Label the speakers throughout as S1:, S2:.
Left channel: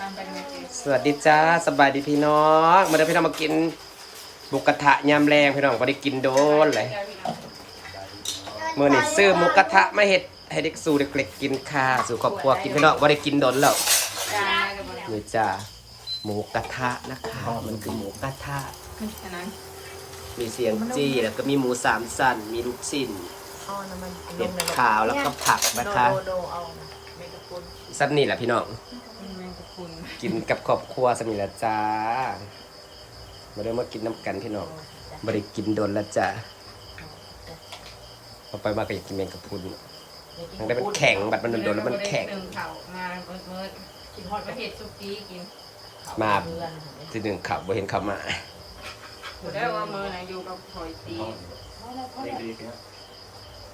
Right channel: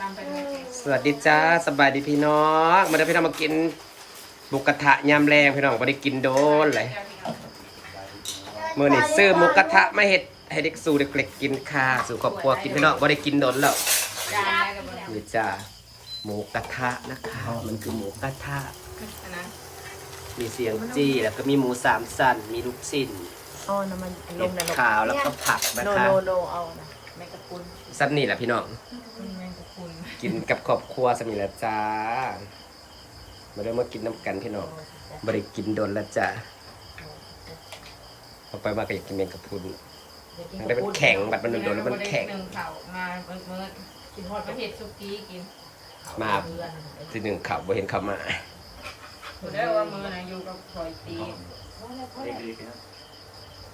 S1: ตามไปเลยเจ๊
S2: สวัสดีจ้าสบายดีพี่น้องมาเดี๋ยวพี่น้องมากินบุกกระทะยำแรงพี่น้องไม่ได้กินโดนเลยเมื่อนี่ซื้อหมูกระทะมาเห็ดให้เด็กสู่เด็กๆกินค่ะสู่ครอบครัวกินพี่น้องไม่ได้กินโดนแล้ว
S1: จานอะไรกันบ้าง
S2: นี่จ้าหมูกระทะนะคะ มันคือหมูกระทะ
S1: นะ
S2: มีเสียงจี้แล้วก็มีหมูสามสันมีลูกชิ้นเห็ดขาวแล้วก็ผักนะคะ
S1: โลโลเอาแมงกะพรุน
S2: สันนี่แหละพี่น้อง
S1: แมง กะพรุน
S2: กินกับครอบครัวสมิละจ้ามาเริ่มมากินน้ำกันพี่น้องบริกินโดนแล้วจ้าพอไปมาก็อยากกินแมงกะพรุนมันได้มันแข็งบัดมันโดนๆแล้วมันแข็ง
S1: หนึ่งเข่ามาเมื่อเมื่อกินฮอดประเทศซุกี้กิน
S2: มาทีหนึ่งขับบ่เห็นเขามา
S1: ถือได้ว่ามือไหนอยู่กับคอยตี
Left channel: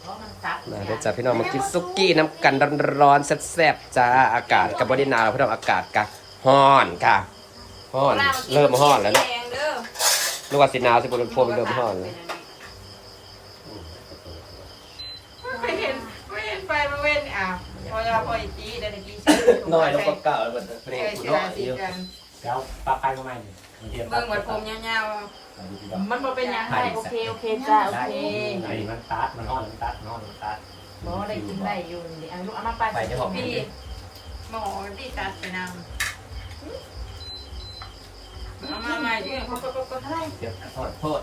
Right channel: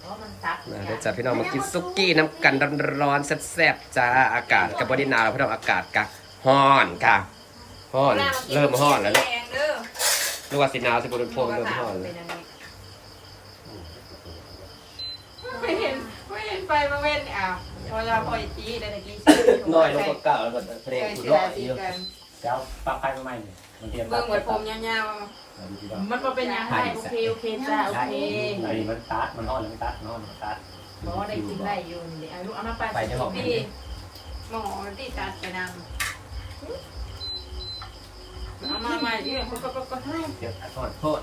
S1: เพราะมันซัก
S2: มาเดี๋ยวจ้าพี่น้องมากินซุกี้น้ำกันร้อนๆแซ่บๆจ้าอากาศกับบริหนาวพี่น้องอากาศกะ ฮ้อนค่ะฮ้อนเริ่มฮ้อนแล้วเนาะ
S1: แรงเด้อ
S2: นึกว่าสิหนาวสิบนโพมเริ่มฮ้อนเลย
S1: ไม่เห็นไม่เห็นไฟมาเว้นอะพอเราพออีจีได้ตะกี้
S3: น้อยลงก็เก่าแล้วมันเพล
S1: เจ
S3: ง
S1: อ
S3: กู
S1: เชื
S3: น้
S1: อ
S3: อย
S1: สี
S3: อยู่
S1: กัน
S3: แล้วปลาไปมาใหม่เนี่ยมันเทียบ
S1: เบิ่งไว้ผมยาว
S3: มัน
S1: ๆมันบ่เป็นหยังไงโอเคโอเคจ้าโอ
S3: ได้
S1: เค
S3: ไอ้มันตัดมันนอนมันตัดนอนมันตัด
S1: บ่ได้กินได้อยู่นี่เอาลูกเอามาไปพี่หมอที่ตัดไปนำ เอามาใหม่ดิก็ก็ก็ให้
S3: เทียบโทษโทษ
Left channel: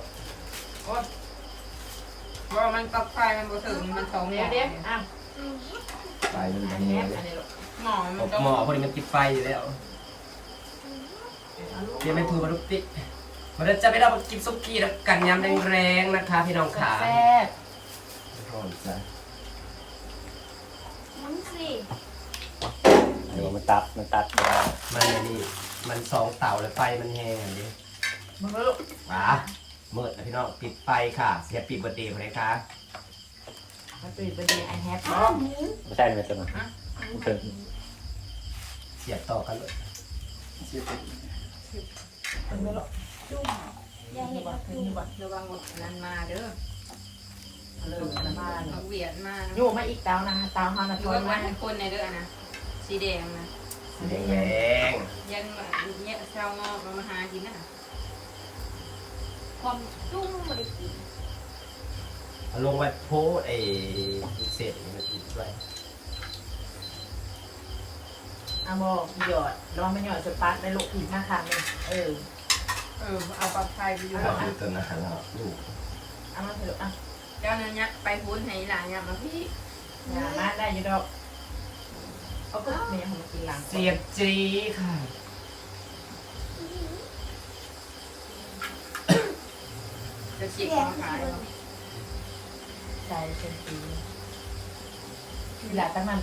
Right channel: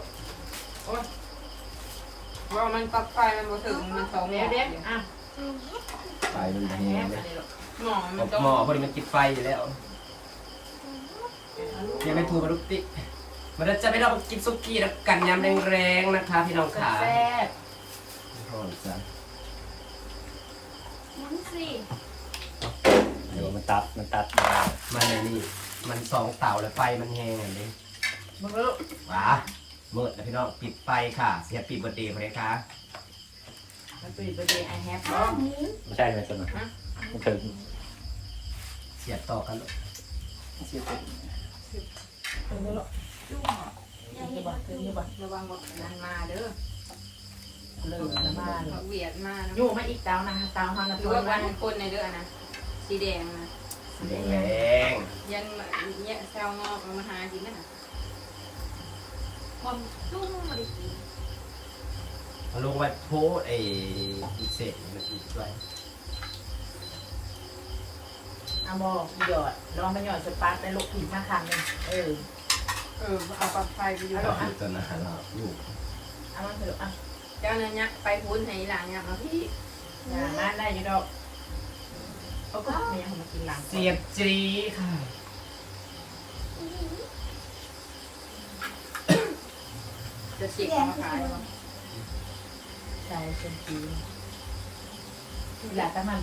S1: ว่ามันปลั๊กไฟมันบ่ถึงมันตรงเด็ดอะ
S3: ไปมัน
S1: อัน
S3: แห้
S1: นี้
S3: งเลย
S1: อันนี้หมอมันตรง
S2: หมอพอดีมันกินไฟอยู่แล้วเดี๋ยวไม่พูดมาลุกติ๊กมาเดี๋ยวจะไปเรามากินซุกี้น้ำกันยำแรงๆนะคะพี่น้องขา
S1: แซ่บ
S3: โทษจ้ะ
S4: น้ำสิ
S3: เดี๋ยว มันตัดมันตัด
S2: มันอันนี่มันสองเต่าแล้วไฟมันแห้งอันนี้
S1: มึงรู้
S2: ว้าเมื่อนะพี่น้องปิดไฟค่ะเสียปิดเบอร์เดย์คนนี้ค่ะ
S1: มันเป็นประเดี๋ยวไอแฮป
S4: อ้าวหมู
S3: ไม่ใช่เลยจ้ะมันมันถึง
S2: เสียบต่อกันเลย
S1: ถึงแล้ว
S4: จุ่มยาย
S1: ระ
S4: เห็น
S1: วั
S4: ว่าง
S1: ถึ
S4: คื
S1: ง
S4: อ
S1: ระวังระวังว่านั้นมาเด้อเลิกละบ้าน
S5: เวียดมา
S1: อยู่มาอีกตาวนะตาวฮานา
S5: ดู
S1: ทอน
S5: ว่า
S1: นะ
S5: มันคนในเด้อนะ สีแดงนะ
S2: แรง
S5: ยันเนี่ยชาวงอกมาหากินน่ะ
S4: ความจุ่มบริกิน
S2: ๆเอาลงไปโพสไอ้เศษมันอีกด้วย
S1: อะโมหยอดลองไปหยอดสปาร์คได้ลูกผิดมาครั้งนึงเออ
S5: เออ เอาปลั๊กไฟไปอยู่
S3: เอาอยู่ตัวนะฮะเราลูก
S1: เอามาเถอะอะ
S5: เจ้าเนี่ยไปพุ้นให้หลังเนี่ยมาพี่
S1: อย่ามาได้อยู่ดอก เอาก็เนี่ยมากินหลัง
S2: เสียบจีค่ะ
S5: จะฉีกคอขาย
S1: ใส่เป็นปีหลาตั้งมัน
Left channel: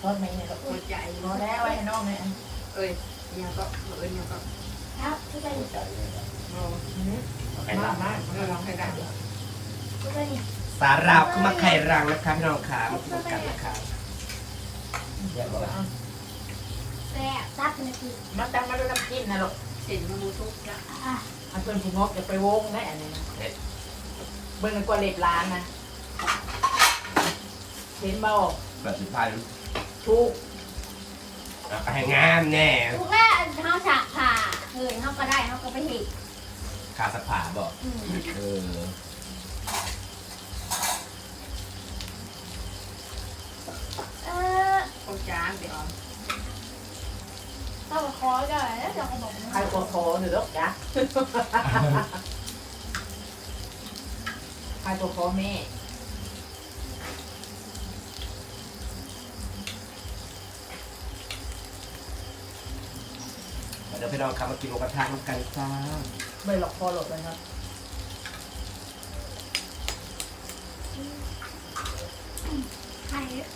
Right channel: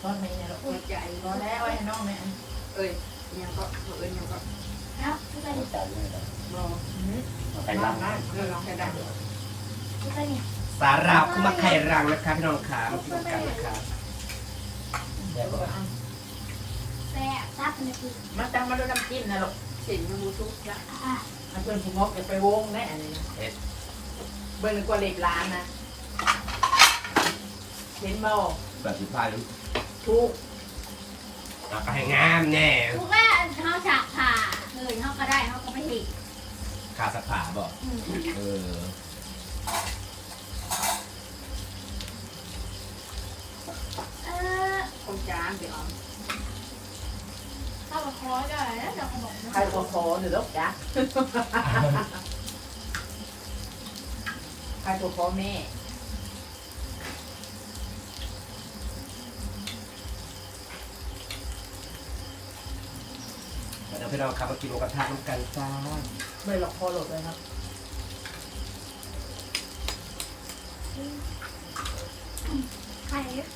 S1: ทอดไหมเนี่ยลูก
S5: หัวใจ
S1: พอแล้วไอ้น้องเนี่ย
S5: เอ้ยยังก็เอ้ยยังก็
S4: ครับคือไป
S3: จัดเลย
S5: มอ
S3: เอาไป
S1: มา
S3: ตัด
S1: มา
S5: เออลองให้ได้
S4: คือไปเนี่ย
S2: สาราบคือมาไข่รังนะคะพี่น้องขามากินกันนะคะ
S3: เรียบร้อย
S4: แต่ตัดมันคือ
S1: มาตั้งมาด้วยน้ำจิ้มนะลูก
S5: สินมันทุกละ
S4: อะ
S1: มันเป็นผู้งกจะไปวงได้อันนี้นะเบิ่งในกว่าเล็บล้านนะเห็นบ่
S2: แบบสุดท้ายแล้ว
S1: ทุก
S2: เอาไปให้งามแน่
S4: ถูกแล้วเขาฉากผ่าเฮ้ยเขาก็ได้เขาก็ไปเห็น
S2: ขาสะผาบอก
S4: อืม
S2: เออ
S4: เออ
S5: คงจานเดี๋ยว
S4: เข้ามาคอได้แล้วจะบอก
S1: ใครตัวโคหรือลูกจ๊ะใครตัวโคแม่
S2: เดี๋ยวพี่น้องขับมากินหมูกระทะน้ำกันจ้า
S1: ไม่หลอกคอหลบเลยครับ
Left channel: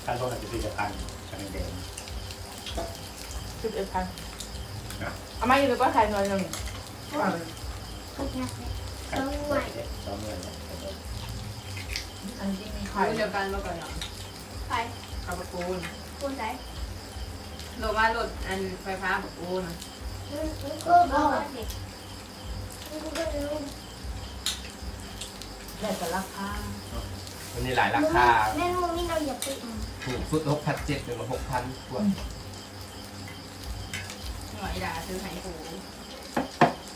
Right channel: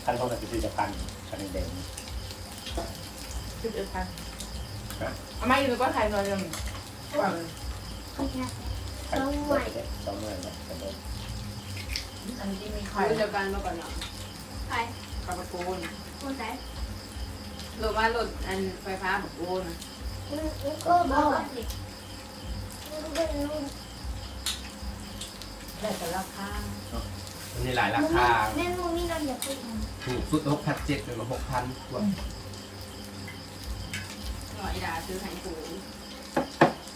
S3: ท่านเขาจะพิจารณากันแดง
S1: ชุดเอ็ดพันเอามาอยู่ในก้อนไข่หน่อยหนึงก่อน
S4: คนแค่
S3: ต้องเมื่อยต้องเมื่อยแล้ว
S1: อันนี้มี
S5: เขา
S1: ไข่
S5: เดียวกันมาก่อนเนาะ
S4: ใคร
S5: กับประตูน
S4: คนไหน
S5: รถว่ารถอันไฟฟ้าประตูน
S4: ก็บอกสิ
S1: ได้แต่ราคา
S2: มันมีหลายราคา
S4: แม่ลูกนี่เราอย่าพูด
S2: ถูกสุดหกพันเจ็ดเป็นหกพันกว่า
S5: หัวอีดาซื้อไข่ปู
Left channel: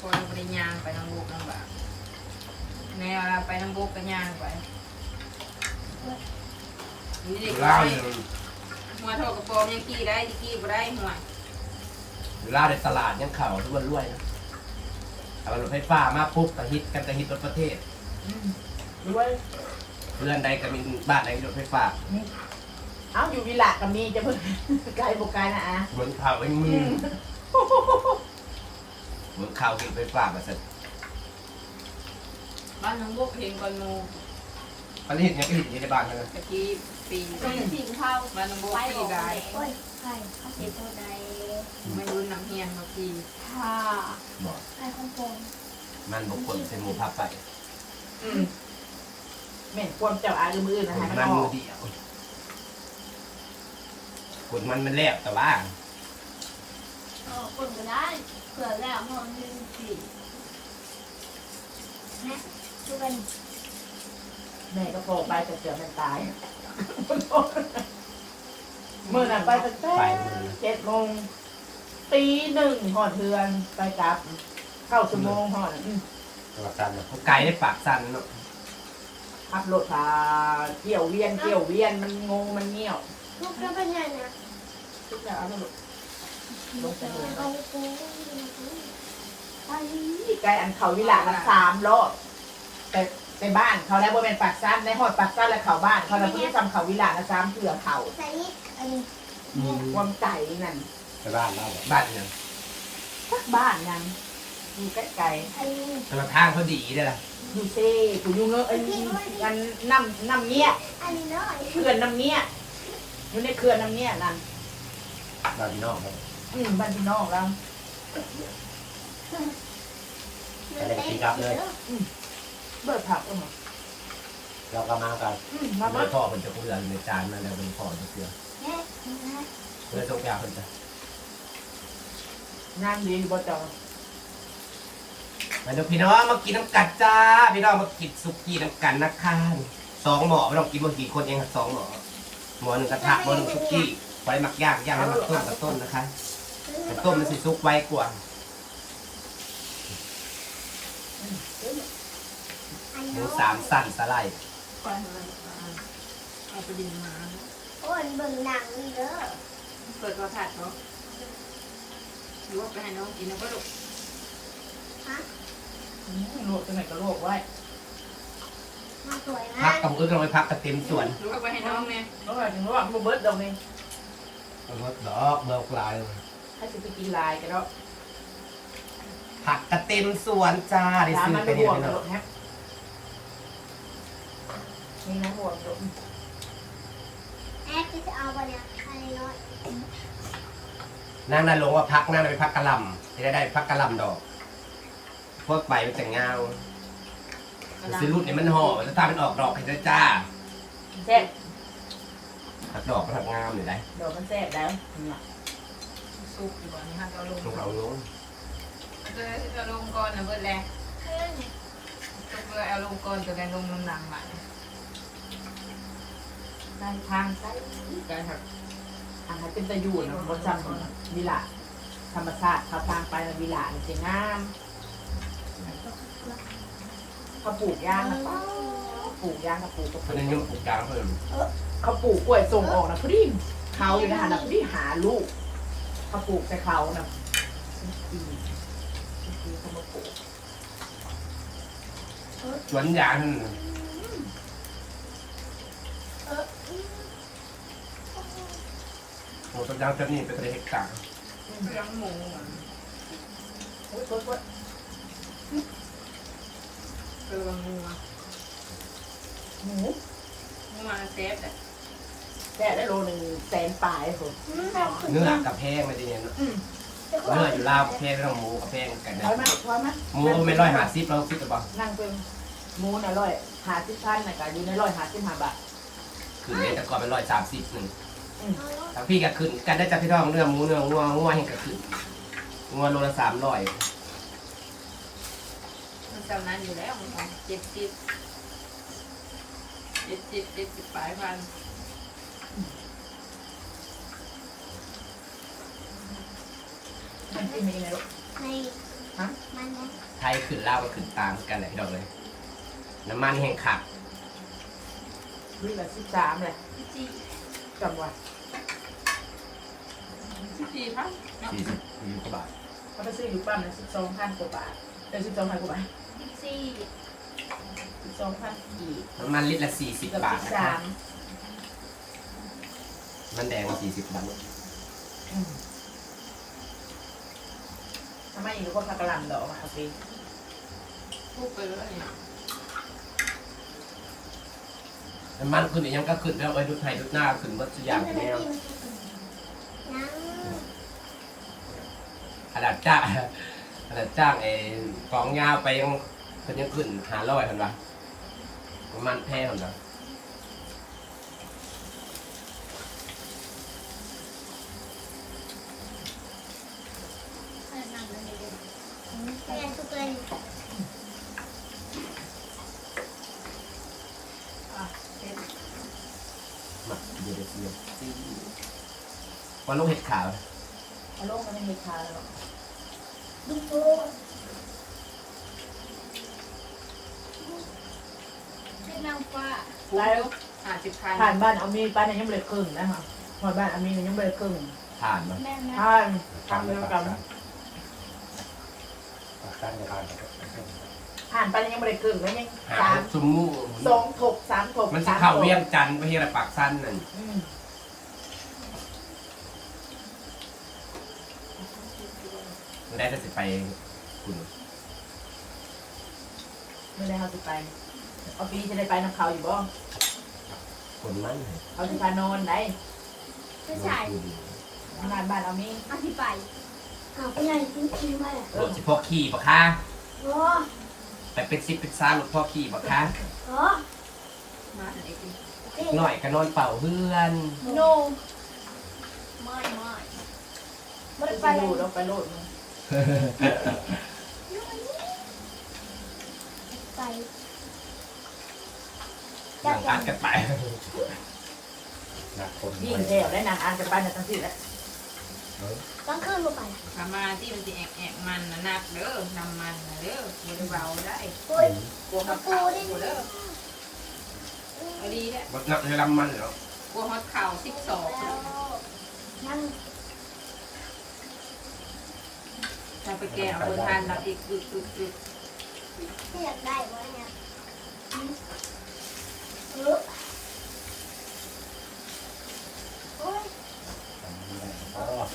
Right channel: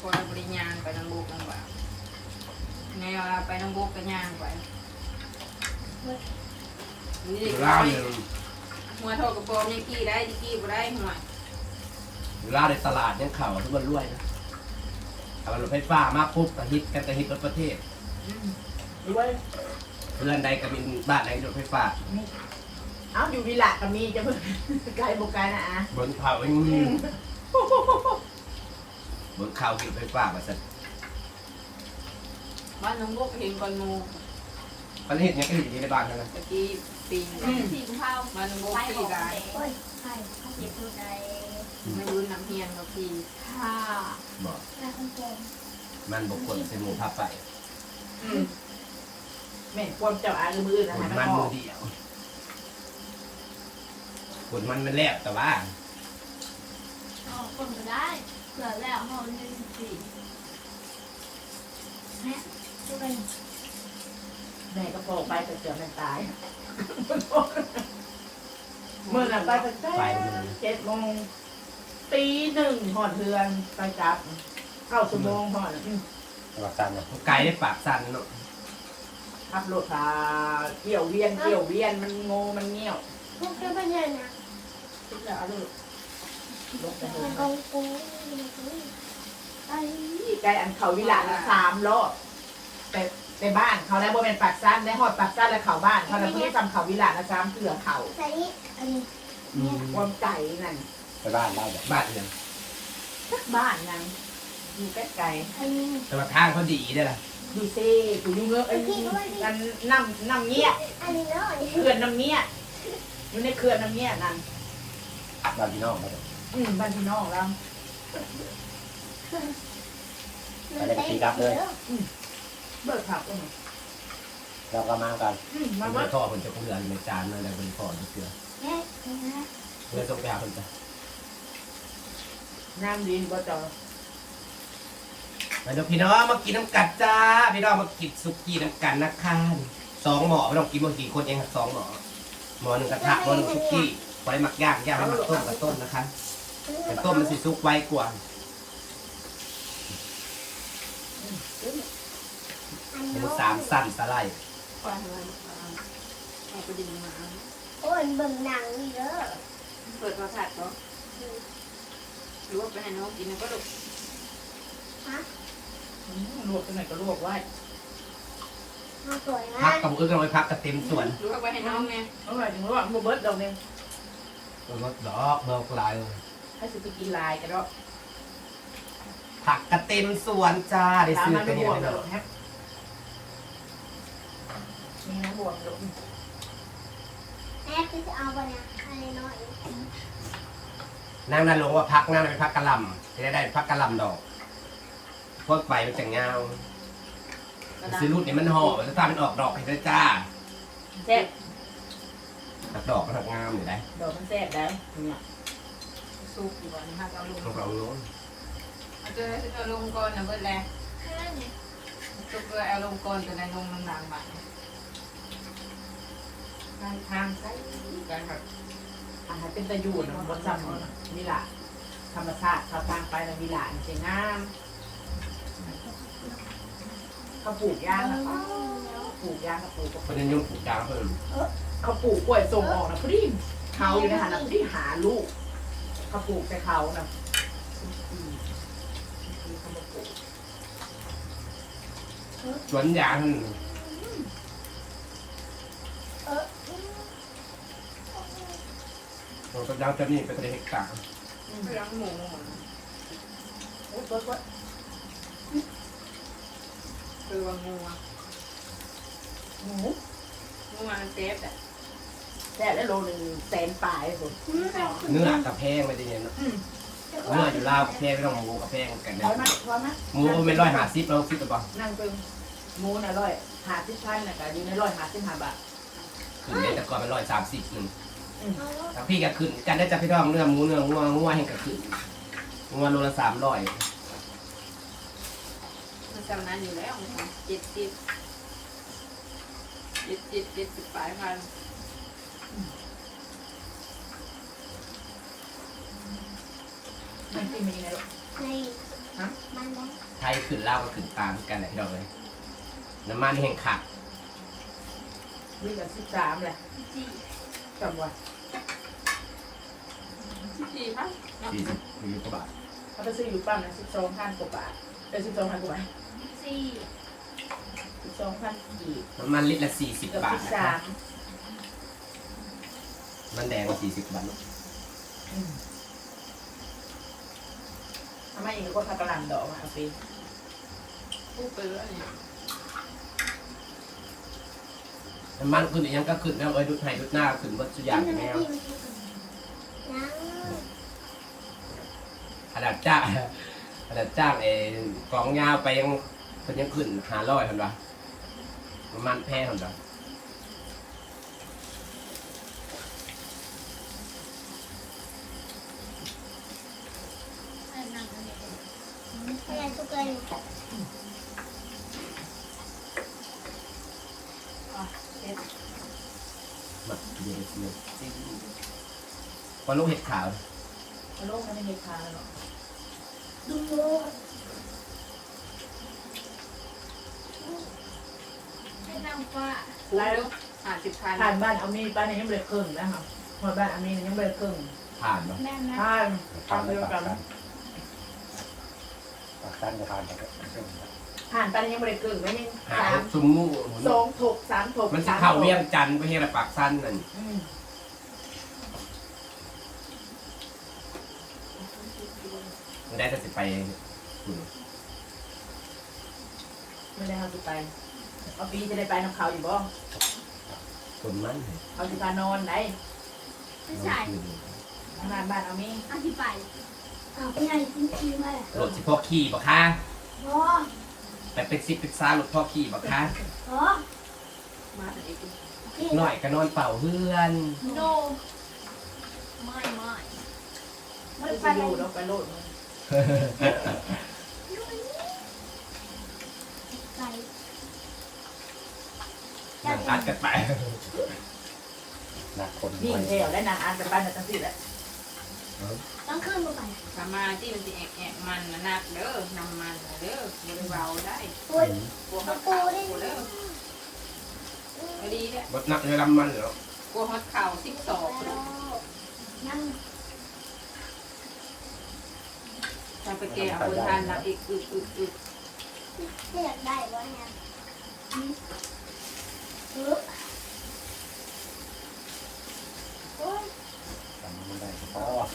S5: พอเราบริยางไปน้ำบุกน้ำบ่าแนวเราไปน้ำบุกกันยางไปนี่เด็ก
S2: ล่า
S5: น้อย
S2: เนี่ย
S5: หัวโทรกระโปรงยังกี้ได้กี้บ่ได้หัว
S2: ล่าในตลาดยังเข่าทุกวันรวยนะแต่ว่ารถไฟฟ้ามาปุ๊บกระฮิตกันกระฮิตรถประเทศ
S1: ด้วย
S2: เรือนใดก็มีบ้านไหนมีรถไฟฟ้า
S1: เอ้าอยู่วิลากับมีจะเพิ่งไกลบุกไกลนะอะ
S2: บนเขาไม่มีบนเขามีรถไฟฟ้ามาเสร็จ
S5: บ้านน้ำบุกเห็นก่อนหมู
S2: ประเทศยังก็เห็นอยู่ในบ้านนั่นนะ
S5: ตะกี้ปี
S4: สี่กุมภา
S5: บ้านน้ำบุก
S4: ไป
S5: ปี
S4: บอก
S5: ได้
S4: โอ้ยใช่เขาเสียตัวใด
S5: ไม่รู้น้ำเฮียนมาปี
S4: ค่ะ
S2: บอก
S4: ในคอนโทรล
S2: มันบุคคลเป็นหมูพับไป
S1: อืม แม่นความเจ้าอายหรือมืออื่น
S2: ค
S1: นะ
S2: น
S1: คะ
S2: มั
S1: มันนอ
S2: มื
S1: อ
S2: อกเดียวคนมันมันแลบแต่ว่า
S4: อ๋อคนก็ได้เผื่อแล้วเขามีสี่นะดูกัน
S1: แม่ก็โผล่ไปแต่เสือมันตายเมื่อน่ะไปตั้งแต่
S2: ไปหมดเลย
S1: เจ็ดโมงตีหนึ่งหอดเทือนไปกลับเก้าชั่วโมงหอดอืม
S3: จังหวัดจันทร์เนี่ย
S2: ไก่ได้ปากสั่นเนาะ
S1: ขับรถพาเกี่ยวเวียนเกี่ยวเวียนมันงงมันเงี้ยว
S4: พวกเราเป็นยังไงนะ
S1: ทุกอย่างเอาลูกลงไปเล
S4: มัน
S1: ย
S4: กองกุ้ง
S1: ไอ้ไกลอันเขาวิลานะสามรอบแต่ในบ้านเขาแล้วบนเป็นปากสั้นในหอดปากสั้นและเขาบ้านเขาแล้วเพิ่งทำเขาวิลานะสามเถื่อเขา
S4: ใส่นี่อันนี้
S1: ความไก่นั่น
S3: ไปบ้านได้แบบ
S2: บ้านเนี่ย
S1: สักบ้านยังอยู่ใกล้
S4: อันนี้
S2: แต่ว่าทางเขาดีได้ล่ะ
S1: ๆ ดูเซ่กูยูเงอะเอ้ยมันน้ำน้ำเนี้ย
S4: อันนี้เนาะ
S1: เขื่อนน้ำเนี้ยอยู่ในเขื่อนน้ำเนี้ยนั่น
S3: บ้านพี่น้องครับ
S1: อืมบ้านพี่น้องเราเบิดผักเออ
S3: เราก็มากัน
S1: อืม
S2: มั
S1: มานเบิ
S2: ไม่
S1: ด
S2: พ่อคนจะเพื่อนในจานนั่นแหละเป็นพ่อจะเพื่อน
S4: แม่นะ
S2: เพื่อนต้องไปเอาคนจะ
S1: งานยินก็จะ
S2: มาดูพี่น้องมากินน้ำกัดจ้า พี่น้องมากินสุกี้น้ำกันนะคะสองหม้อไม่ต้องกินหมดกี่คนเองครับสองหม้อหม้อหนึ่งกระทะหม้อหนึ่งสุกี้ไว้หมักย่างย่างแล้วมาต้มกับต้มนะคะแต่ต้มมันสิซุกไว้กว่า
S4: อัน
S2: หมู
S4: เนาะ
S2: สามสั้นสไลด์
S5: ปล่อยมันเอาไปดินมา
S4: โอ้ยเบิ่งหนังเด้อ
S5: เปิดประทัดเนาะหรือว่าไปให้น้องกินแล้วก็ลูก
S1: อืมลวกตัวไหนก็ลวกไว้
S4: มาสวย
S2: พั
S4: นะ
S2: กกับมือกันไว้พักกับเต็มส่วน
S5: หรือว่าไปให้น้องแม่
S1: เมื่อไหร่ถึงว่าโมเบิร์ตดอกนึง
S2: รถดอกเบอร์กลาย
S1: ให้สิไปกินลายกันแล้ว
S2: ผักกระเต็มส่วนจ้าได้
S1: ถาม
S2: ซื้อ
S1: มัน
S2: ไป
S1: ไปบ
S2: เนี่ยว
S1: ก
S2: พี่
S1: กัน
S2: น้
S1: หร
S2: อ
S1: องกฮะมีน้ำบวกอยู่
S4: แม่คือจะเอาไปนะอะไรน้อย
S2: นางนั่นลงว่าพักนั่นเป็นพักกะหล่ำจะได้ได้พักกะหล่ำดอก พวกใบมันจะเงาซื้อรุ่นเนี่ยมันห่อมันจะทำมันออกดอกให้ด้วยจ้า
S1: แซ่บ
S2: หักดอกมันหักงามอยู่ได้
S1: ดอกมันแซ่บแล้วเนี่ย
S5: ซุปอยู่ก่อนนะครับเอาลง
S2: พวกเราลง
S5: ตัวนั้นจะลงก่อนนะเบิดแลซุปเลยเอาลงก่อนตัวนั้นลงน้ำหนักใหม่
S1: ได้ทางใช้ได้ครับอาหารเป็นตะยูนรสชาติของวิลาธรรมชาติเขาทางไปแล้ววิลาเนี่ยสวยงาม เขาปลูกยางนะปลูกยางเขาปลูกก็ป
S2: เพราะ
S1: ลู
S2: นั้
S1: ก
S2: นยุ่งปลูกยางเพิ่ม
S1: เขาปลูกกล้วยส่งออกนะพอดีเขาอยู่นะฮะนะพอดีหาลูกเขาปลูกใส่เขานะอืมอืมเขามาปลูก
S2: สวนยาง
S4: เออ
S2: ปลูกต้นยางจะนี่เป็นประเฮกต่าง
S1: อืม
S5: เรื่องหมู
S1: โอ้ยโอ๊ยโอ๊ย
S5: คือบางงู
S1: หมู
S5: งูมันเซฟอะ
S1: แค่ได้โลหนึ่งแสนปลายผม
S2: เนื้อกับแพงไม่ได้เนี่ยเนอะเนื้ออยู่ลาวแพงไม่ต้องหมูกับแพงกันนะ
S1: ร้อยไหมร้อยไหม
S2: หมูเป็นร้อยห้าสิบเราคิดกันป่ะ
S1: นั่งเป็นหมูน่ะร้อยหาสิบพันน่ะก็อยู่ในร้อยหาสิบห้าบาท
S2: ขึ้นเนี่ยแต่ก่อนเป็นร้อยสามสิบหนึ่ง
S1: อืม
S2: ทางพี่ก็ขึ้นกันได้จากพี่น้องเนื้อหมูเนื้องัวงัวเห็นก็ขึ้นงัวโลละสามร้อย
S5: มัน จำนั้นอยู่แล้วมันเจ็ดสิบเจ็ดสิบเจ็ดสิบปลายพัน
S1: นมันกินมีอะไร
S4: ใน
S1: ฮะ
S4: มันมัน
S2: ไทยขึ้นเล่าวก็ขึ้นตามกันแหละพี่น้องเลยน้ำมันแห้งขัก
S1: วิ่งละสิบสามเลย
S4: จี
S1: จำไว้
S5: สี่พัน
S2: สี่สิบสี่สิบกว่าบาท
S1: เขาไปซื้ออยู่ปั๊มนะสิบสองพันกว่าบาทเป็นสิบสองพันกว่าบาท
S4: จี
S1: สิบสองพันกี่
S2: น้ำมันลิตรละสี่สิบ
S1: เกือบบาสิ
S2: ท
S1: บ
S2: นะค
S1: สา
S2: รับ
S1: ม
S2: มันแดงสี่สิบบาท
S1: อืมทำไมอีกคนพักกะหล่ำดอกมาเอาสิ
S5: กู้ไปแล้วเนี่ย
S2: น้ำมันขึ้นอีกยังก็ขึ้นแล้วเอ้ยดูไทยดูหน้าขึ้นหมดทุกอย่าง
S4: มัน
S2: แล้
S4: จี
S2: ว
S4: มันจียัง
S2: ขนาดจ้างขนาดจ้างไอ้กองยาวไปยัง เพิ่นยังขึ้นหาร้อยเห็นปะน้ำมันแพงเห็นปะ
S4: อะไรทุกเลย
S1: อะเซ็ต
S2: มาเดี๋ยวเดี๋ยวเดี๋ยววันลูกเห็ดขาว
S1: เอาลงมันไม่มีทางหรอก
S4: ดูโป๊ ให้นางฟ้า
S5: คุ้มเด้อห้าสิบพัน
S1: ผ่านบ้านเอามีบ้านี่ยังไม่ได้ครึ่งนะคะพอบ้านเอามียังไม่ได้ครึ่ง
S2: ผ่านมา
S4: แม่น
S1: ผ่านทำเดียวกัน
S3: ปักสั้นกับการกับเส้น
S1: ผ่านไปยังไม่ได้ครึ่งแล้วยังสาม
S2: ซุมงู
S1: สองถกสามถก
S2: มันจะเข้าเวียงจันทร์ไปเฮระปากสั้นนั่นไม่ได้แต่สิไปคุณ
S1: ไม่ได้เขาจะไป เอาปีจะได้ไปน้ำเขาอยู่บ่
S2: คนมัน
S1: เขาจะการนอนไหน
S4: ไม่ใช่
S1: งานบ้านเอามี
S4: อธิบายเอาไปไหนกินขี้มาเลย
S2: รถสิพ่อขี่ปะคะ
S4: โอ้
S2: แต่เป็นซิปเป็นซ่ารถพ่อขี่ปะคะ
S4: โห
S5: มาแต่เด็ก
S2: หน่อยก็นอนเป่าเพื่อน
S4: โนไม่ไม่ไม่
S1: ไป
S4: ไป
S1: อ
S4: เลย
S1: ยู่เราไปโลดมึง
S4: ไป
S2: นั่งอัดกันไป
S3: นักคน
S1: ยิ่ง
S3: ไม่
S1: แถวได้นางอ่านกันบ้านกันทั้งสิ้นแหละ
S4: ต้องขึ้นมาไป
S5: ประมาณที่มันจะแอกแอกมันนะนักเด้อนำมันนะเด้อกูเบาได้
S4: อุ้ย
S5: กลัว
S4: กระ
S5: เขา
S4: ปู
S5: เข่า
S4: ได้
S5: กูเด้อก็ดีแล้ว
S2: รถนักเรือลำมันเหรอก
S5: ลัวเขาเข่าสิบสอง
S4: แล้วนั่ง
S5: ถ้าไปแก้เอาคนทานรับอีกอึดอึดอึด
S4: ที่อยากได้วะ เยอือโอ้ย
S3: ไม่ได้เพราะ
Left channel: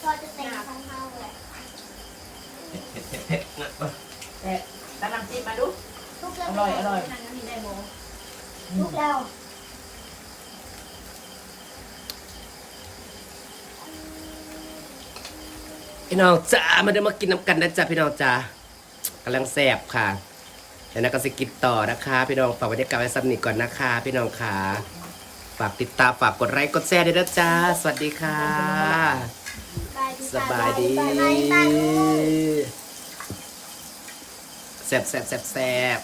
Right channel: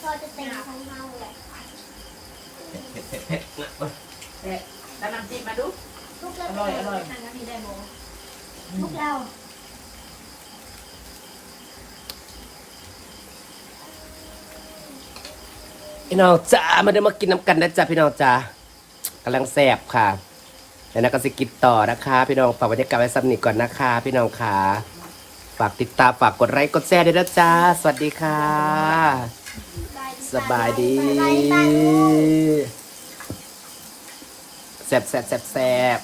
S4: พอจะแต่งชั้นเมาเลย
S2: เผ็ดเผ็ดเผ็ดเผ็ดนะเอ้ย
S1: แต่แล้วน้ำจิ้มมาดู
S4: ทุกแล้ว
S1: อร่อยอร่อย
S4: นั่นก็มีได้บ่ทุกแล้ว
S2: พี่น้องจ้ามาได้มากินน้ำกันนะจ๊ะพี่น้องจ้ากำลังแสบค่ะ เดี๋ยวนะก็สกิปต่อนะคะ พี่น้องฝากบรรยากาศไว้สักนิดก่อนนะคะ พี่น้องขาฝากติดตามฝากกดไลค์กดแชร์ด้วยนะจ๊ะสวัสดีค่ะ สบายดี
S4: แซ่บายบ
S2: แสบแสบแสบแสบ